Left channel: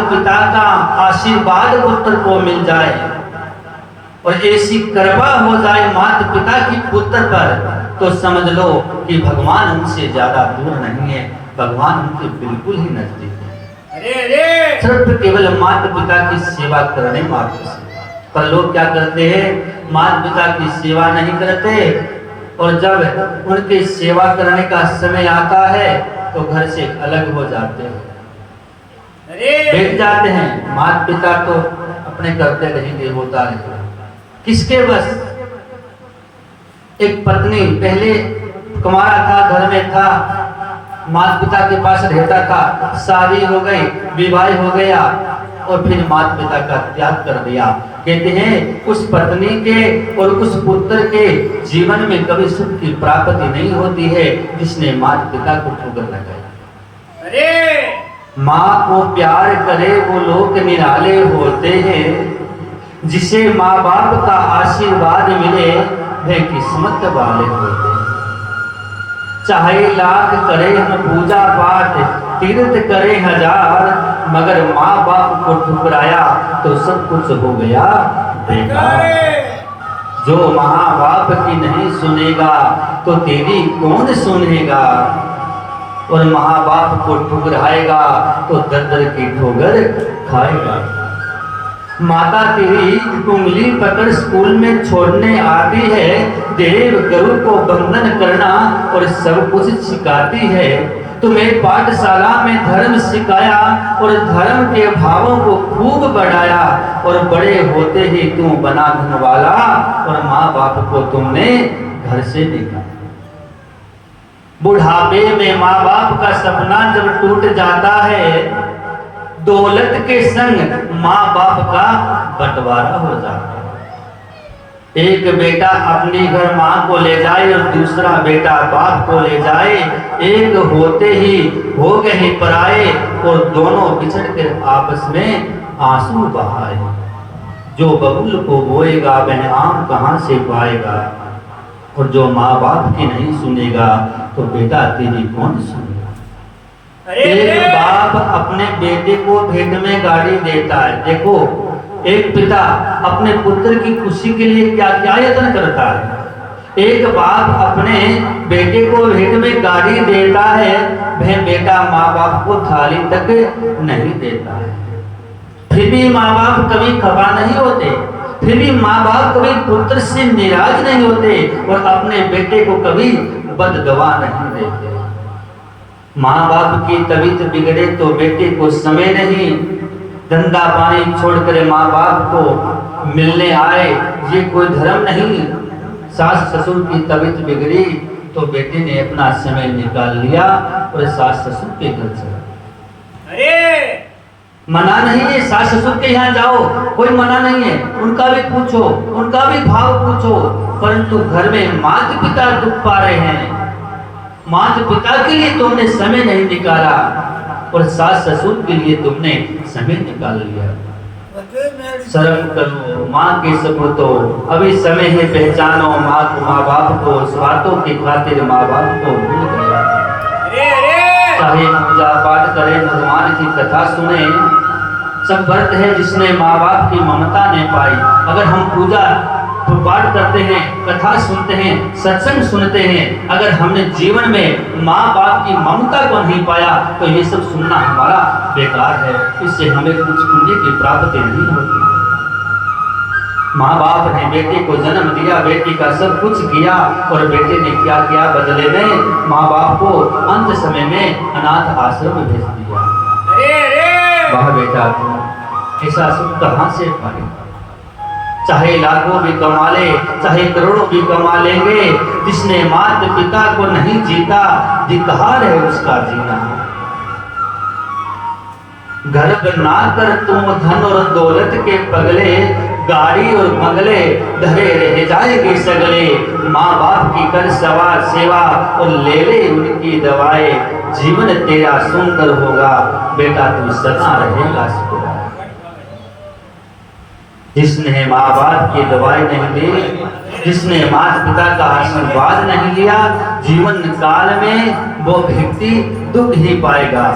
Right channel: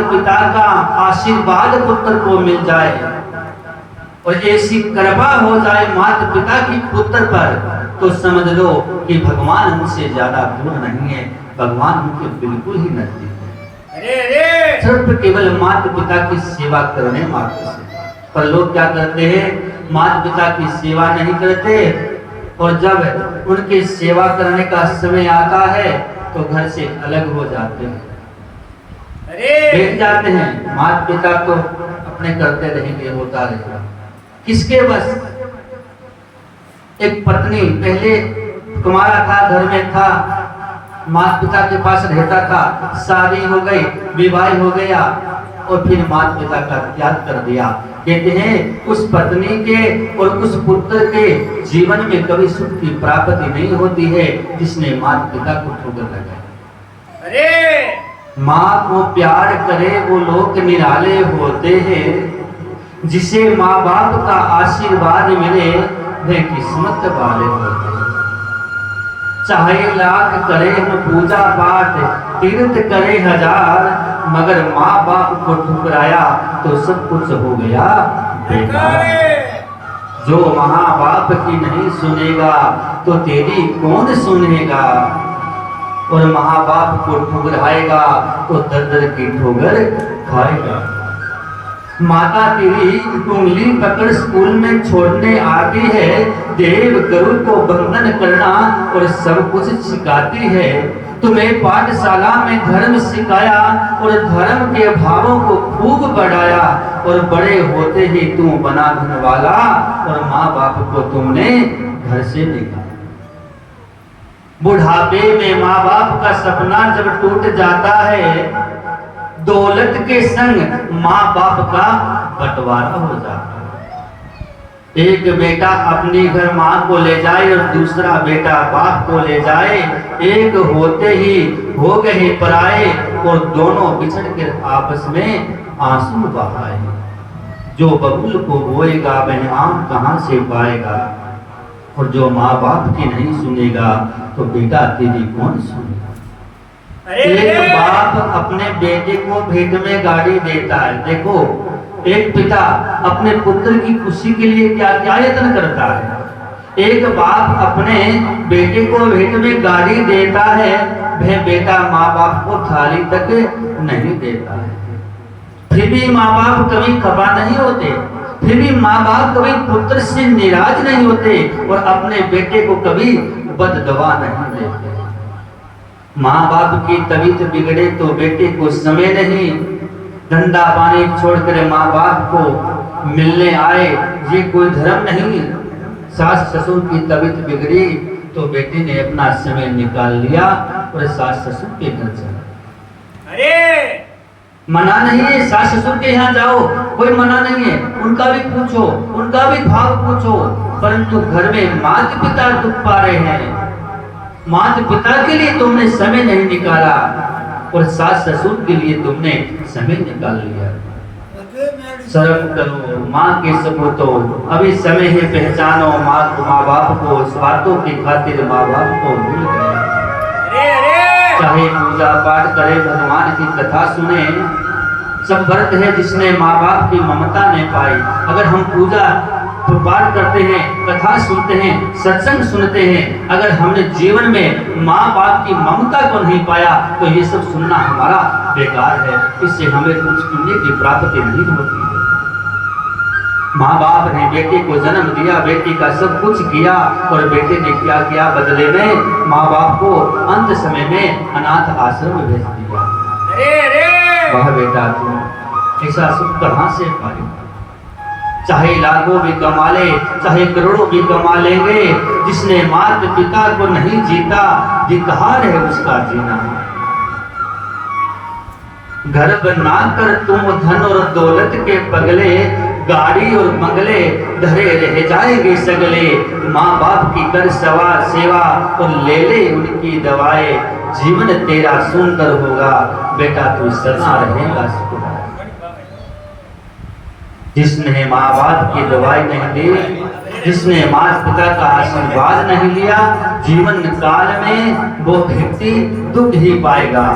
माता पिता का आशीर्वाद पुत्र को मिल जाए और ऐसी कृपा हो जाए माता पिता की पुत्र पर, तो समझ लो कि भगवान उनसे ज्यादा दूर नहीं है, भगवान उनके बिल्कुल ही नजदीक है। अरे सिर्फ केवल माता पिता की सेवा करने मात्र से। पर लोग क्या करते हैं, माता पिता की सेवा नहीं करते, और जब उनकी सेवा करने का समय आता है तो घर से अलग हो जाते हैं, बैठ जाते हैं। माता पिता तो अपने करते रहेंगे, होता रहेगा। किसके बस? एक पत्नी पहले कुमारा था, घर में था, माता पिता के पास रहता था, शादी हो गई, विवाह हो गया और फिर माता पिता का त्याग कर दिया। कहते हैं उस पत्नी के और उस पुत्र के जीवन में कभी सुख की प्राप्ति नहीं होती है जिसने माता पिता को ठोकर लगाई। अरे माँ को प्यार करे वो लोग निराले होते हैं, जिसे माँ बाप का आशीर्वाद मिले वे किस्मत वाले होते हैं। चाहे लाख करे हम पूजा पाठ, तीर्थ करे हजार, मगर माँ बाप को ठुकराया तो सब कुछ हो गया बेकार। जो माँ बाप की नहीं सुनेगा तो तेरी कौन सुनेगा, और माँ बाप को ठुकराएगा तो दर की ठोकर खाएगा। माता तेरी उंगली पकड़ स्कूल में छोड़ने आती है, देव गुरु को वंदन करना और सब कुछ सिखाती है। तुम्हें पाठशाला में धर्म सिखाया और धर्म के भावों को खूब बढ़ाया, और बड़े होते ही तू बना धन वाला और माँ बाप को तुमने घर से निकाला। बुढ़ापे में माँ बाप का सपना जब टूट जाता है, दौलत के संग माँ बाप का बंटवारा हो जाता है। एक बेटा अपने घर माँ को ले जाए और दूसरा बेटा बाप को ले जाए, एक होते ही हो गए पराए और दोनों बिछड़ कर आपस में आंसू बहाए। जो बबूल को बोएगा वह आम कहाँ से पाएगा, और जो माँ बाप की नहीं सुनेगा तो बेटा तेरी कौन सुनेगा। एक बाप अपने बेटे को भेंट में गाड़ी देता है। देखो एक पिता अपने पुत्र की खुशी के लिए क्या क्या यत्न करता है। एक बाप अपने बेटे को भेंट में गाड़ी देता है, वह बेटा माँ बाप को थाली तक नहीं देता है। फिर भी माँ बाप कभी खफा नहीं होते, फिर भी माँ बाप कभी पुत्र से निराश नहीं होते और अपने बेटे को कभी बददुआ नहीं देते। माँ बाप की तबीयत बिगड़े तो बेटे को समय नहीं, धंधा पानी छोड़कर माँ बाप को मिलने आए, ये कोई धर्म नहीं। सास ससुर की तबीयत बिगड़ी तो बेटे ने अपना समय निकाल लिया और सास ससुर के घर चला। अरे मना नहीं है सास ससुर के यहाँ जाओ, कोई मना नहीं है, उनका भी पूछो, उनका भी भाव पूछो, परंतु घर में माता पिता दुख पा रहे हैं, माता पिता के लिए तुमने समय नहीं निकाला और सास ससुर के लिए तुमने समय निकाल लिया। शर्म करो माँ के सपूतों, अभी समय है पहचानो माँ बाप को, स्वार्थों की खातिर माँ बाप को भूल गए। चाहे पूजा पाठ करे, भगवान की कथा सुने, सब व्रत है जिसने माँ बाप की ममता नहीं पाई। अगर हम पूजा पाठ करते हैं, कथा सुनते हैं, सत्संग सुनते हैं, अगर हमने जीवन में माँ बाप की ममता को नहीं पाया तो ये सब सुनना हमारा बेकार है, इससे हमें कुछ पुण्य की प्राप्ति नहीं होती। माँ बाप ने बेटे को जन्म दिया, बेटी का सब कुछ किया, और बेटे ने क्या किया बदले में? माँ बाप को अंत समय में अनाथ आश्रम में भेज दिया। वाह बेटा तुम ऐसा सुख कहाँ से पाएगा? चाहे लाखों भी कमा ले, चाहे करोड़ों भी कमा लेंगे, जिसने माता पिता को नहीं जीता, धिक्कार है उसका जीना। घर बना कर तुम धन और दौलत के पगले, गाड़ी और बंगले धरे रह जाएंगे सगले। माँ बाप की कर सेवा और ले ले उनकी दवाएं, जीवन तेरा सुंदर होगा, बेटा तू सदा रहेगा सुखदाई। जिसने माँ बाप की दवाई नहीं दी, जिसने माता पिता का आशीर्वाद नहीं लिया, जीवन काल में वो व्यक्ति दुख ही पाएगा।